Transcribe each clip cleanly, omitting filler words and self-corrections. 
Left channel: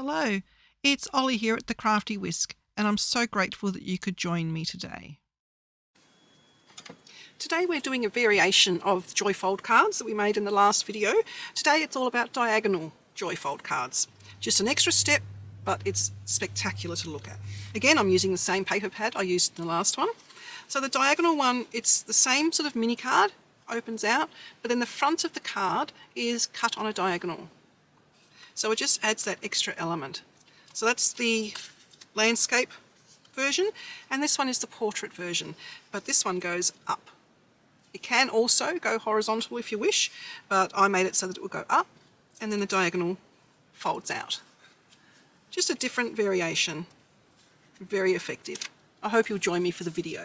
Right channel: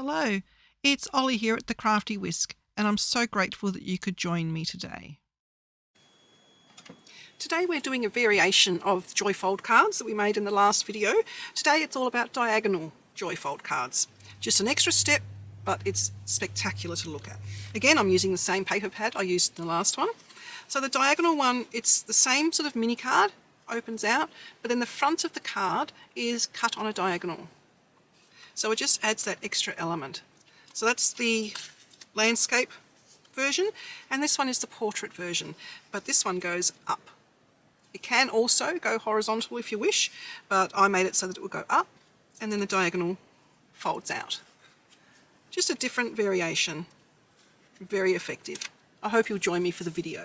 Hello, it's Ollie here at the Crafty Whisk, and I'm so grateful that you could join me today. Today we're doing a variation of Joyfold cards that we made in the last video. Today it's all about diagonal Joyfold cards. Just an extra step, but it's spectacular to look at. Again, I'm using the same paper pad I used in the last one. So the diagonal one, it's the same sort of mini card, opens out, but then the front of the card is cut on a diagonal. So it just adds that extra element. So that's the landscape version, and this one is the portrait version, but this one goes up. It can also go horizontal if you wish, but I made it so that it will go up, and then the diagonal folds out. Just a different variation. Very effective. I hope you'll join me for the video.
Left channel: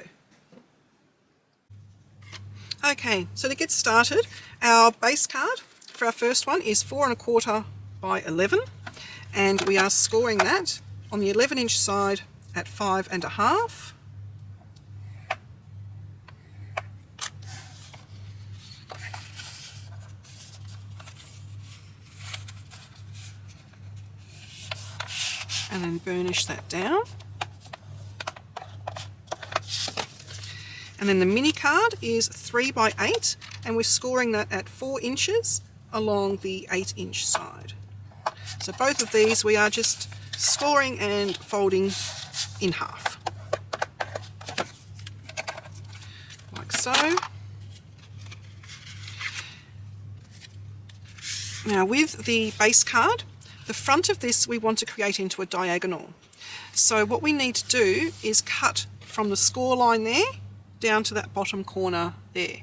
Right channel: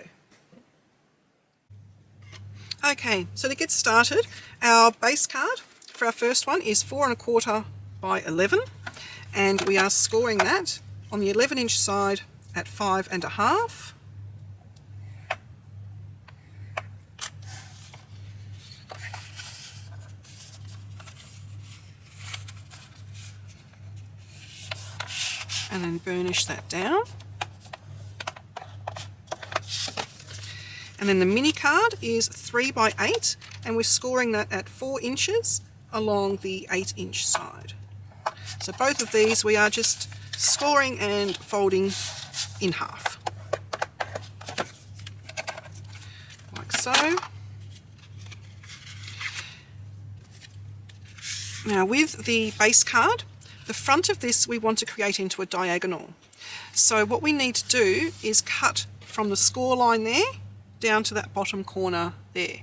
Okay, so to get started, our base card for our first one is 4 1/4 by 11, and we are scoring that on the 11-inch side at 5 1/2. And then burnish that down. And then the mini card is 3 by 8, and we're scoring that at 4 inches along the 8-inch side. So both of these we are just scoring and folding in half, like so. Now with the base card, the front of this we want to create into a diagonal. So what we need to do is cut from the score line there down to that bottom corner there.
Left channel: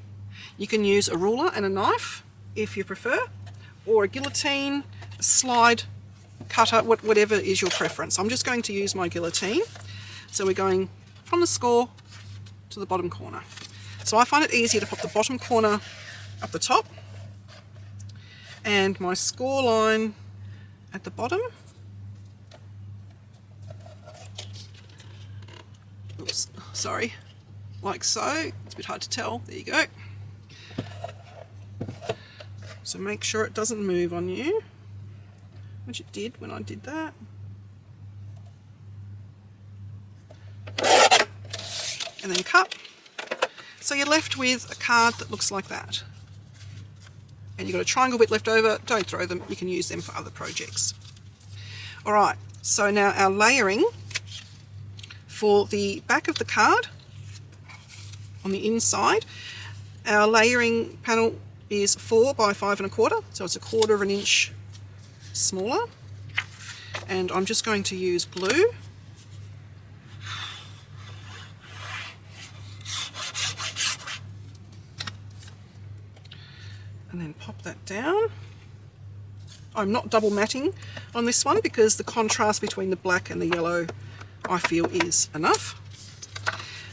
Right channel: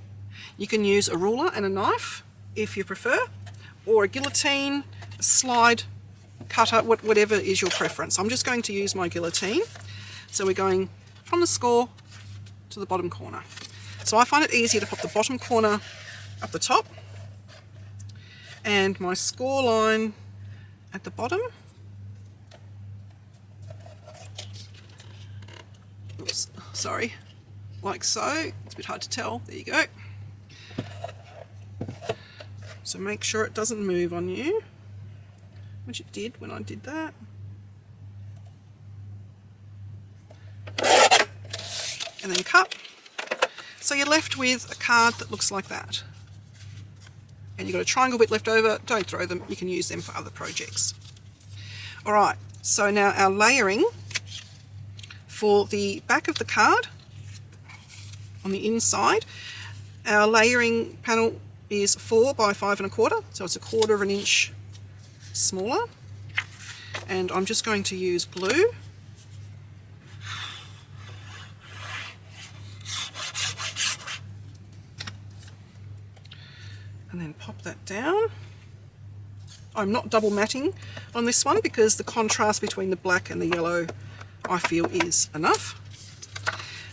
You can use a ruler and a knife if you prefer, or a guillotine, a slide cutter, whatever is your preference. I'm just going to use my guillotine. So we're going from the score to the bottom corner. So I find it easier to put the bottom corner up the top and my score line at the bottom. Oops, sorry, like so. It's a bit hard to tell. There you go. So make sure it doesn't move on you, which it did when I did that. And then cut. So you're left with a card that looks like that. And you've got a triangle bit left over. Don't throw them, you can use them for other projects. Alright, so now our layering for the back of the card on the inside, our layering panel is 4 by 5 1/4, so it's 1/4 inch smaller. And I'm just going to use glue. And then pop that down. I'm not double matting on this one because the contrast between the black and the yellow I feel is enough.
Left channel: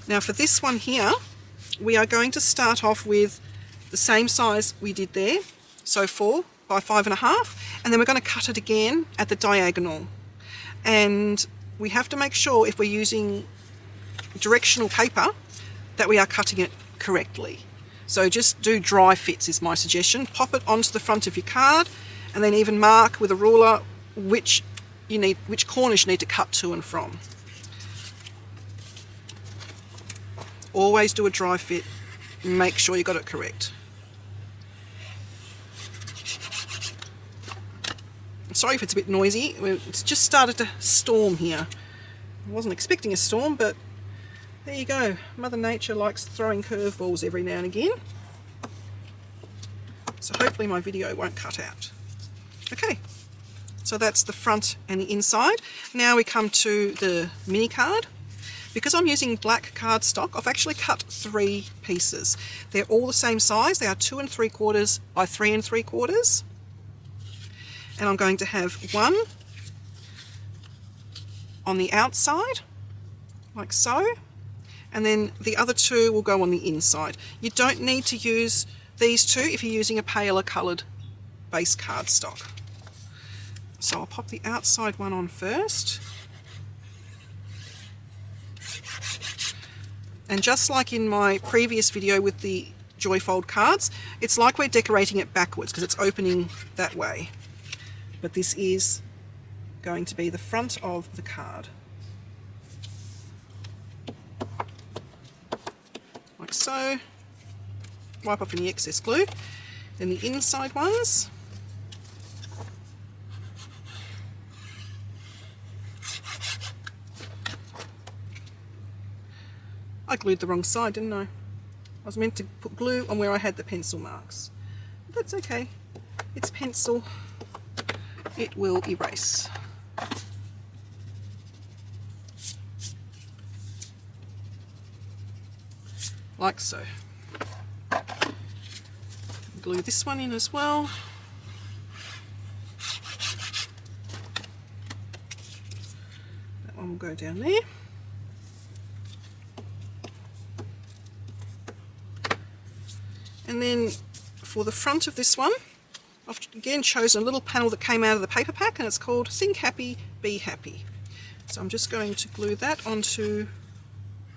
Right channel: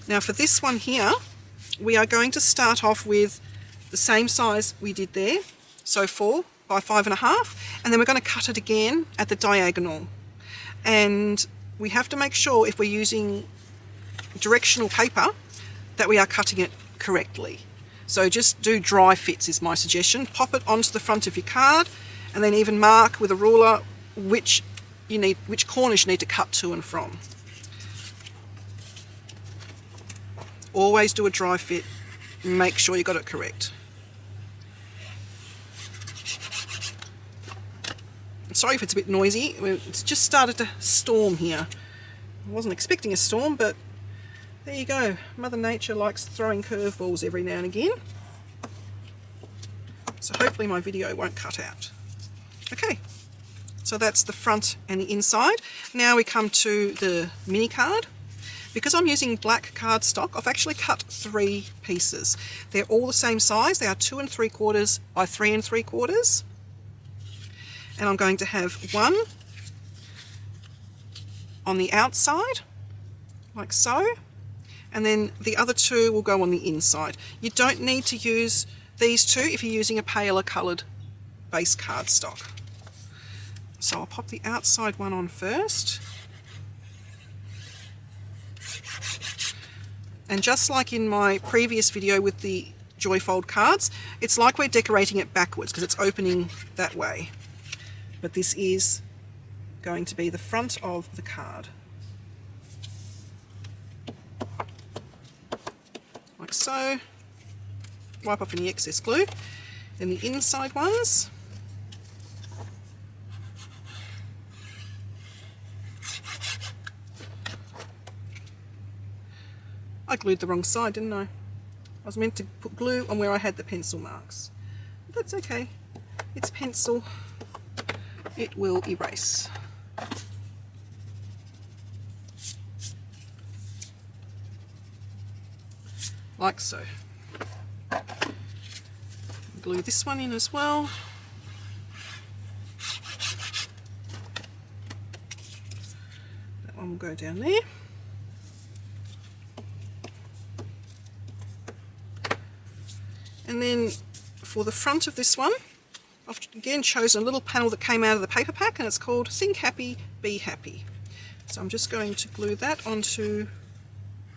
Now for this one here, we are going to start off with the same size we did there, so 4 by 5 1/2, and then we're going to cut it again at the diagonal. And we have to make sure if we're using directional paper that we are cutting it correctly. So just do dry fits is my suggestion. Pop it onto the front of your card, and then even mark with a ruler which corners you need to cut to and from. Always do a dry fit. Make sure you got it correct. I'm sorry if it's a bit noisy. It's just started to storm here. I wasn't expecting a storm, but there you go. Mother Nature likes throwing curveballs every now and again. So hopefully my video won't cut out. Okay, so that's the front and the inside. Now we come to the mini card. Because I'm using black cardstock, I've actually cut 3 pieces. They're all the same size. They are 2 3/4 by 3 3/4. And I'm going to have one on the outside, like so, and then the other 2 will go on the inside. You don't need to use these 2 if you're using a paler coloured base cardstock. So I'll pop the outside one on first. And just like in my previous video with the Joyfold cards, it's like we're decorating it backwards because it's opening that way. But this is going to be the front of the card. Like so. Wipe off any excess glue. Then the inside ones. I glued the wrong side, didn't I? I was meant to put glue on where I had the pencil marks. But that's okay. It's pencil. It will erase. Like so. Glue this one in as well. That one will go down there. And then for the front of this one, I've again chosen a little panel that came out of the paper pack, and it's called Think Happy, Be Happy. So I'm just going to glue that onto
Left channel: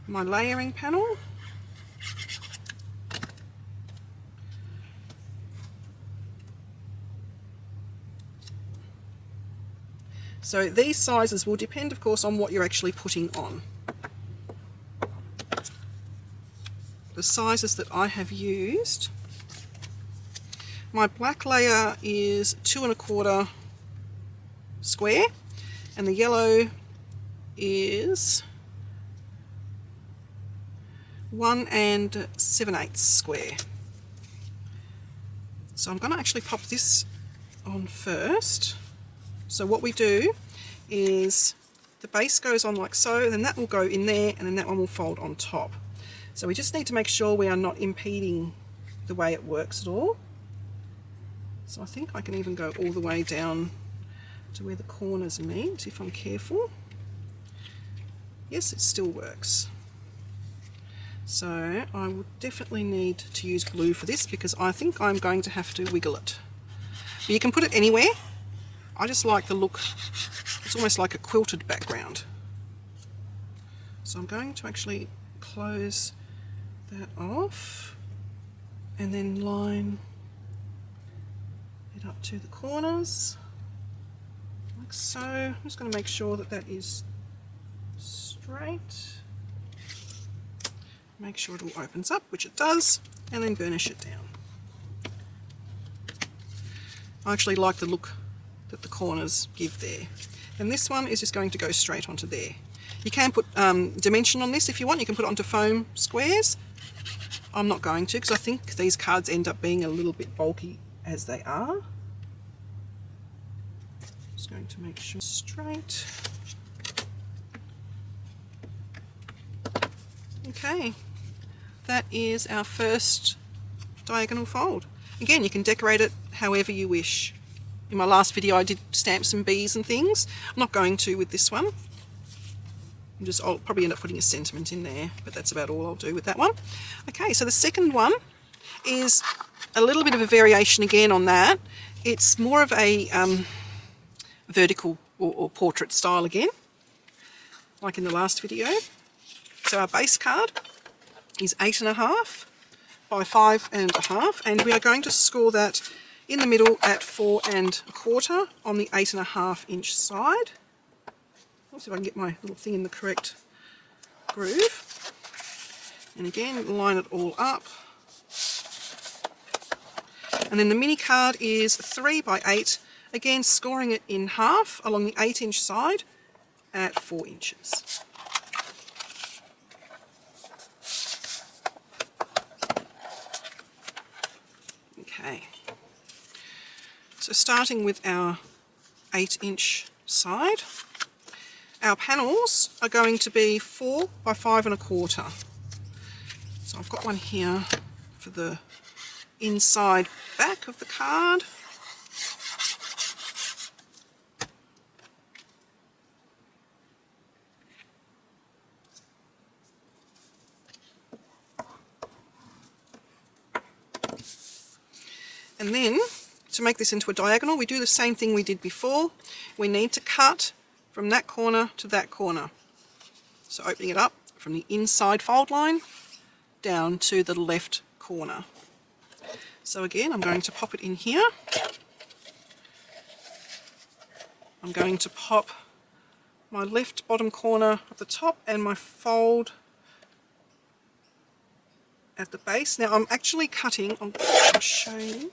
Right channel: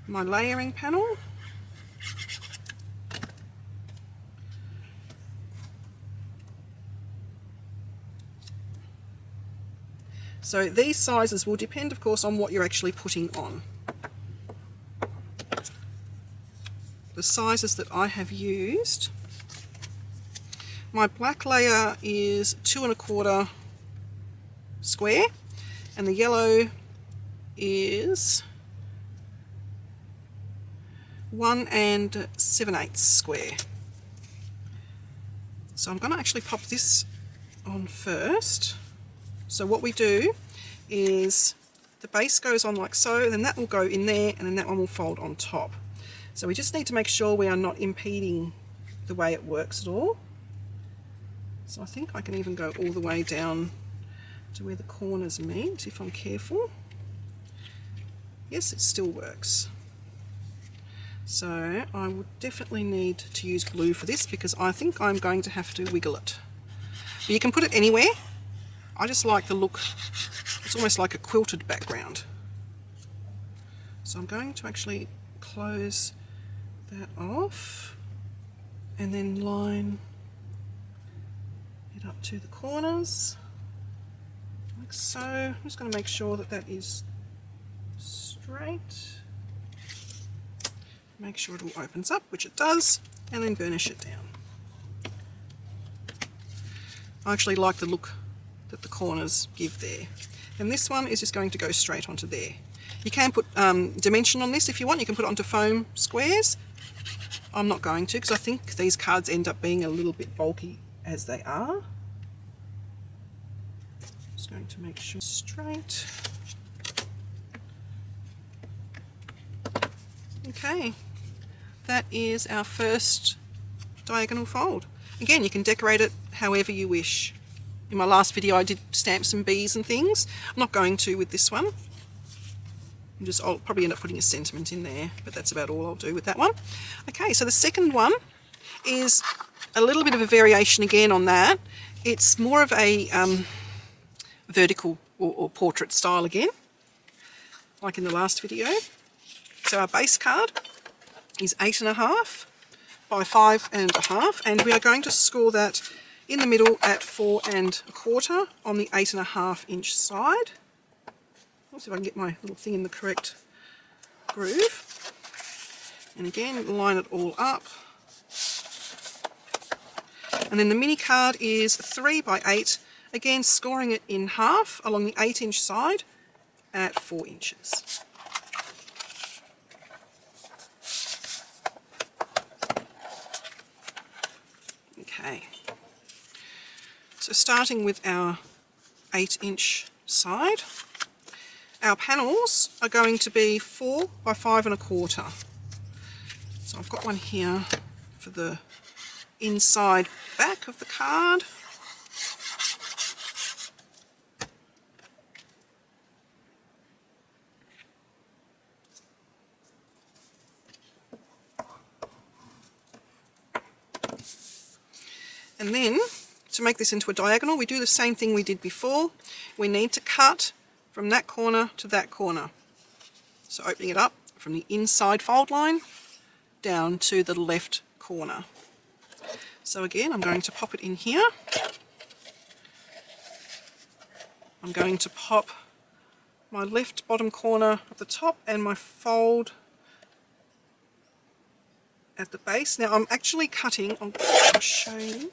my layering panel. So these sizes will depend, of course, on what you're actually putting on. The sizes that I have used, my black layer is 2 1/4 square, and the yellow is 1 7/8 square. So I'm going to actually pop this on first. So what we do is the base goes on like so, and then that will go in there, and then that one will fold on top. So we just need to make sure we are not impeding the way it works at all. So I think I can even go all the way down to where the corners meet if I'm careful. Yes, it still works. So I would definitely need to use glue for this because I think I'm going to have to wiggle it. You can put it anywhere. I just like the look. It's almost like a quilted background. So I'm going to actually close that off and then line it up to the corners like so. I'm just going to make sure that that is straight. Make sure it all opens up, which it does, and then burnish it down. I actually like the look that the corners give there. And this one is just going to go straight onto there. You can put dimension on this if you want. You can put it onto foam squares. I'm not going to because I think these cards end up being a little bit bulky as they are. Just going to make sure it's straight. Okay, that is our first diagonal fold. Again, you can decorate it however you wish. In my last video I did stamp some bees and things. I'm not going to with this one. I'll probably end up putting a sentiment in there, but that's about all I'll do with that one. Okay, so the second one is a little bit of a variation again on that. It's more of a vertical or portrait style again, like in the last video. So our base card is 8.5 by 5.5, and we are going to score that in the middle at 4 1/4 on the 8.5 inch side. Let's see if I can get my little thing in the correct groove. And again, line it all up. And then the mini card is 3 by 8, again scoring it in half along the 8 inch side at 4 inches. Okay, so starting with our 8 inch side, our panels are going to be 4 by 5 1/4. So I've got one here for the inside back of the card. And then, to make this into a diagonal, we do the same thing we did before. We need to cut from that corner to that corner. So opening it up from the inside fold line down to the left corner. So again, I'm going to pop it in here. I'm going to pop my left bottom corner of the top and my fold at the base. Now I'm actually cutting, I'll show you.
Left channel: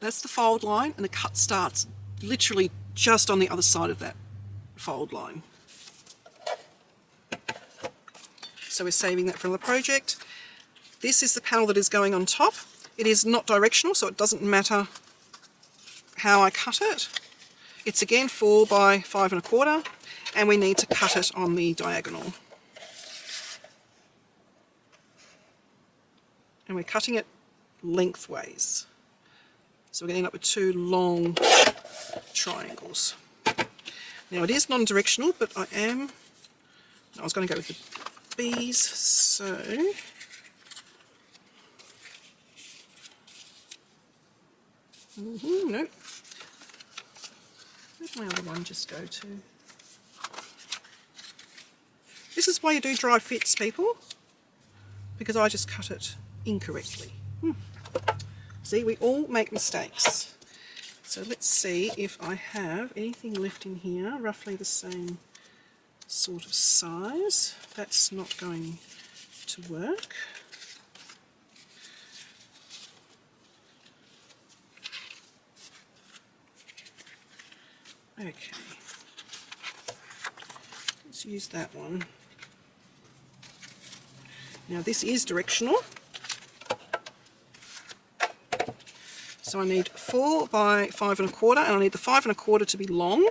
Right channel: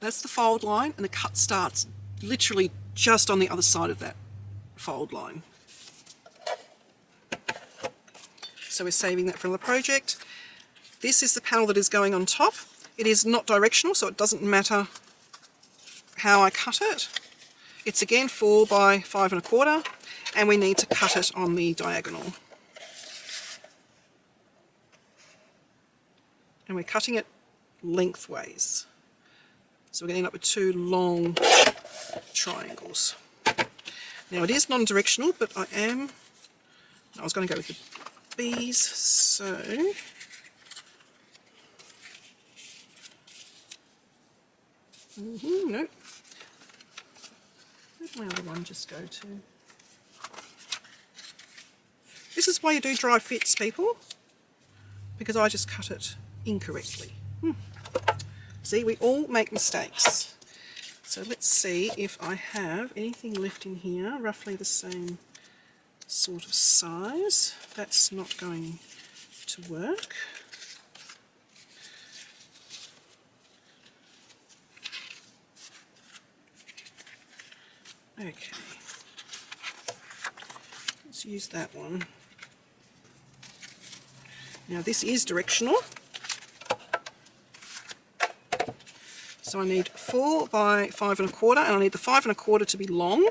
That's the fold line, and the cut starts literally just on the other side of that fold line. So we're saving that for the project. This is the panel that is going on top. It is not directional, so it doesn't matter how I cut it. It's again 4 by 5 1/4, and we need to cut it on the diagonal. And we're cutting it lengthways. So we're getting up with 2 long triangles. Now it is non-directional, but I was going to go with the bees, so no. Where's my other one just go to? This is why you do dry fits, people, because I just cut it incorrectly. See, we all make mistakes. So let's see if I have anything left in here, roughly the same sort of size. That's not going to work. Okay, let's use that one. Now this is directional. So I need 4 by 5 1/4, and I need the 5 1/4 to be long.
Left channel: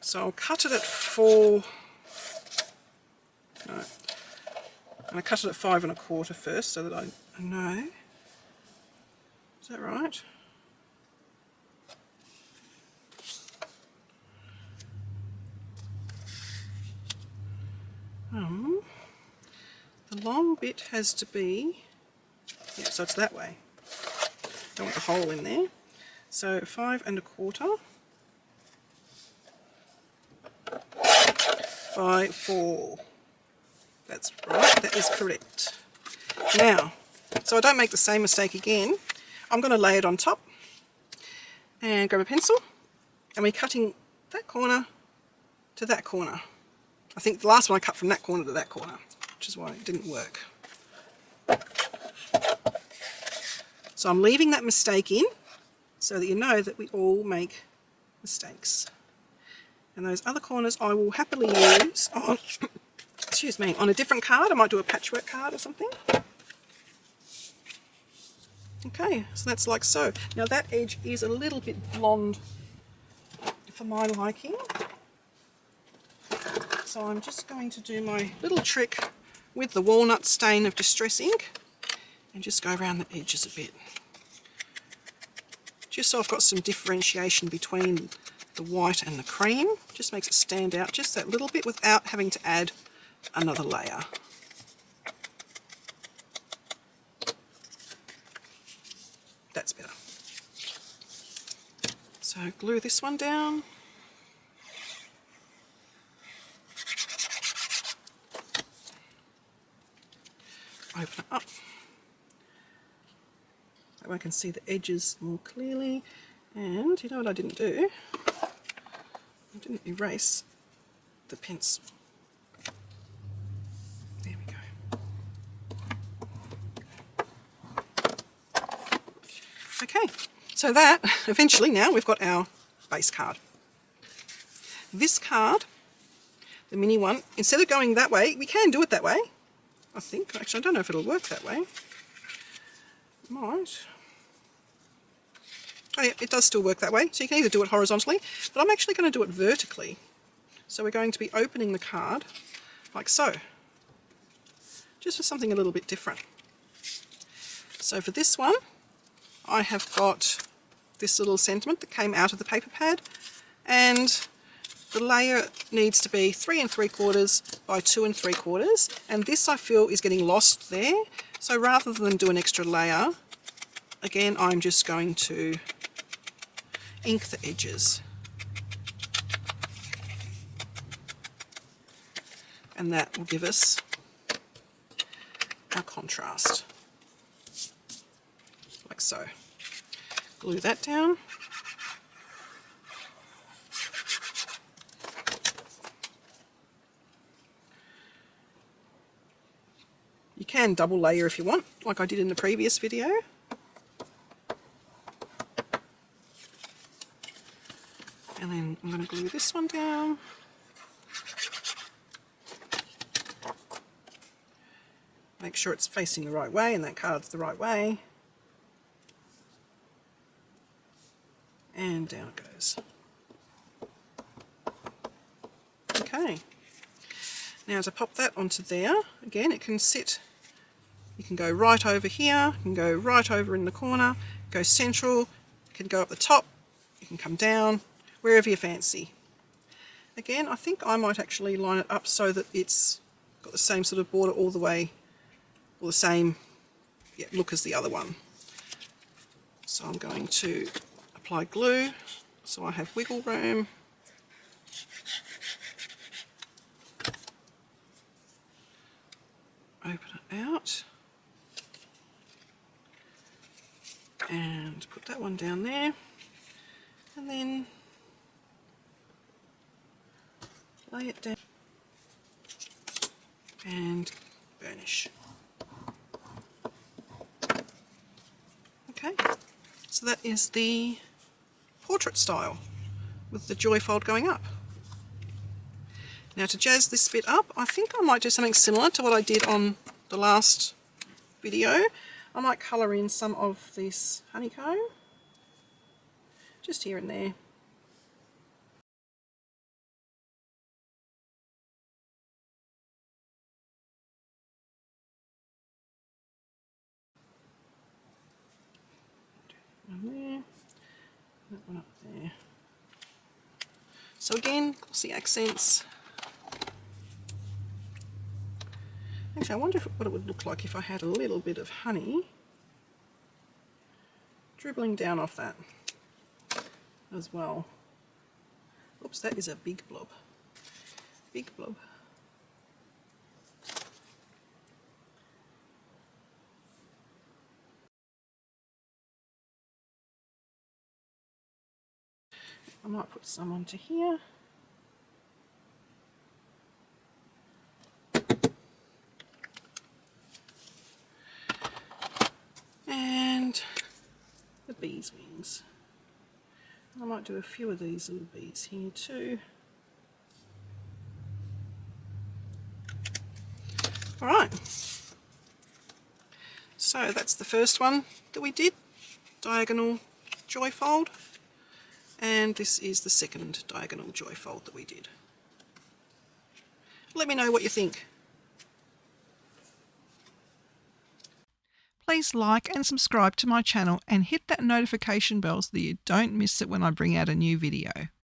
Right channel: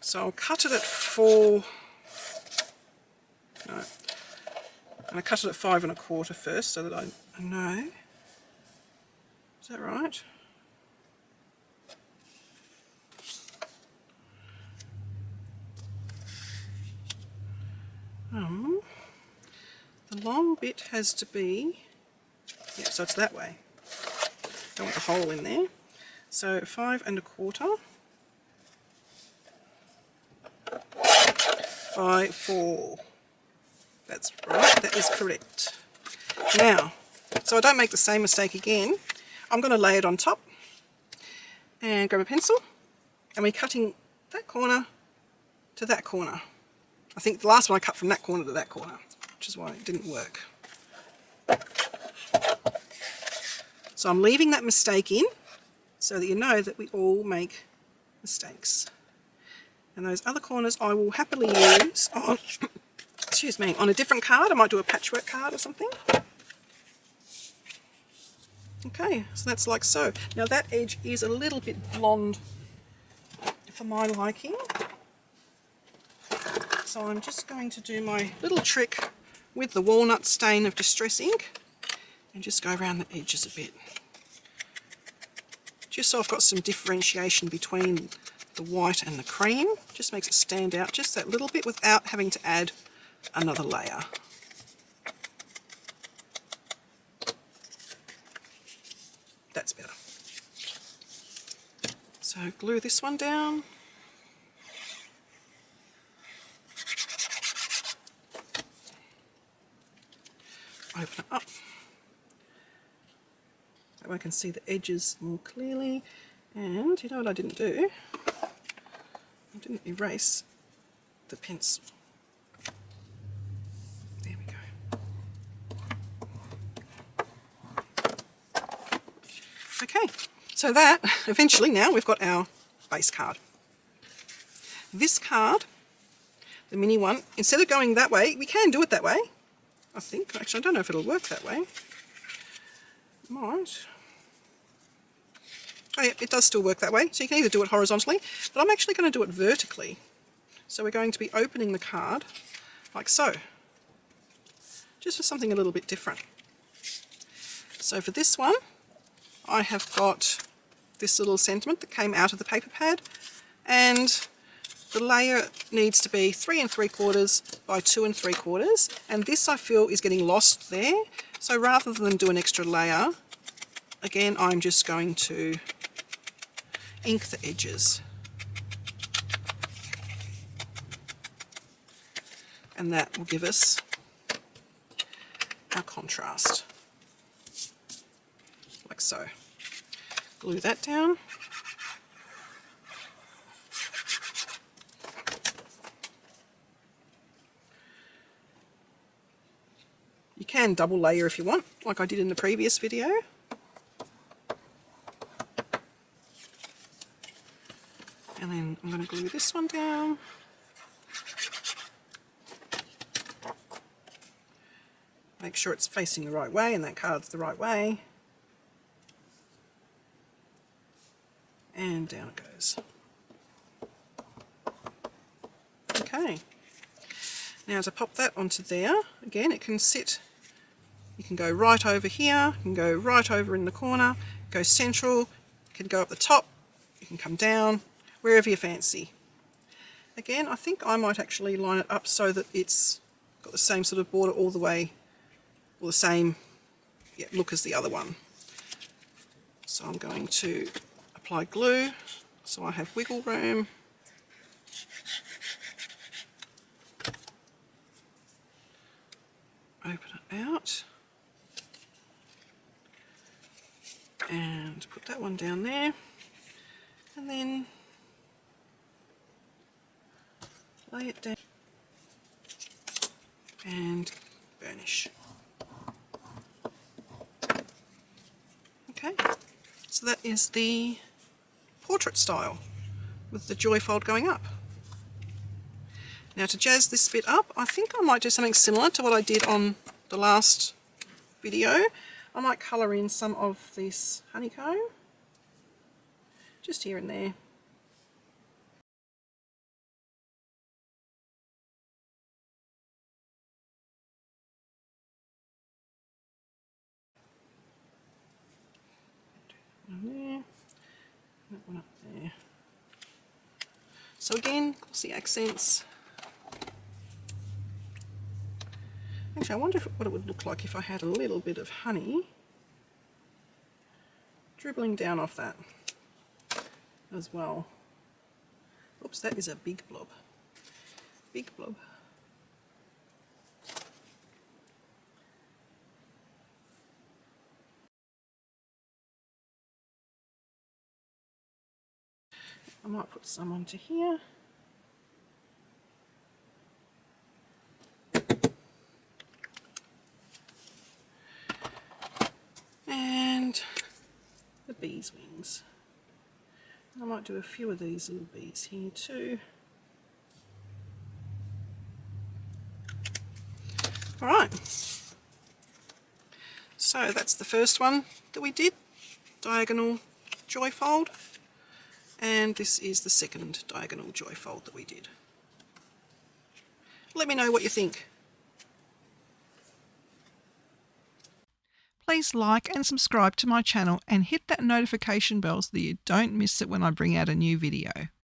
So I'll cut it at 4. No, I'll cut it at 5 1/4 first, so that I know. Is that right? The long bit has to be, yeah, so it's that way. Don't want the hole in there. So 5 1/4 by 4. That is correct. Now, so I don't make the same mistake again, I'm going to lay it on top and grab a pencil, and we're cutting that corner to that corner. I think the last one I cut from that corner to that corner, which is why it didn't work. So I'm leaving that mistake in so that you know that we all make mistakes. And those other corners I will happily use on, excuse me, on a different card. I might do a patchwork card or something. Okay, so that's like so. Now that edge is a little bit blonde for my liking. So I'm just going to do my little trick with the walnut stain of Distress ink and just go around the edges a bit. Just so I've got some differentiation between the white and the cream. Just makes it stand out just that little bit without having to add another layer. That's better. So glue this one down. Open it up. That one can see the edges more clearly. And you know what I didn't do? I didn't erase the pencil. There we go. Okay, so that, eventually now we've got our base card. This card, the mini one, instead of going that way, we can do it that way, I think. Actually, I don't know if it'll work that way. It might. Oh yeah, it does still work that way. So you can either do it horizontally, but I'm actually going to do it vertically. So we're going to be opening the card like so, just for something a little bit different. So for this one, I have got this little sentiment that came out of the paper pad, and the layer needs to be 3 3/4 by 2 3/4, and this I feel is getting lost there. So rather than do an extra layer, again I'm just going to ink the edges, and that will give us a contrast, like so. Glue that down. You can double layer if you want, like I did in the previous video. And then I'm going to glue this one down. Make sure it's facing the right way and that card's the right way. And down it goes. Okay. Now to pop that onto there, again it can sit, you can go right over here, you can go right over in the corner, go central, you can go up the top, you can come down, wherever you fancy. Again, I think I might actually line it up so that it's got the same sort of border all the way, or the same look as the other one. So I'm going to apply glue so I have wiggle room. Open it out and put that one down there, and then lay it down and burnish. Okay, so that is the portrait style with the joy fold going up. Now to jazz this bit up, I think I might do something similar to what I did on the last video. I might colour in some of this honeycomb, just here and there. That one up there. So again, glossy accents. Actually, I wonder what it would look like if I had a little bit of honey dribbling down off that as well. Oops, that is a big blob. Big blob. I might put some onto here. And the bees' wings. I might do a few of these little bees here too. Alright, so that's the first one that we did, diagonal joy fold, and this is the second diagonal joy fold that we did. Let me know what you think. Please like and subscribe to my channel and hit that notification bell so that you don't miss it when I bring out a new video.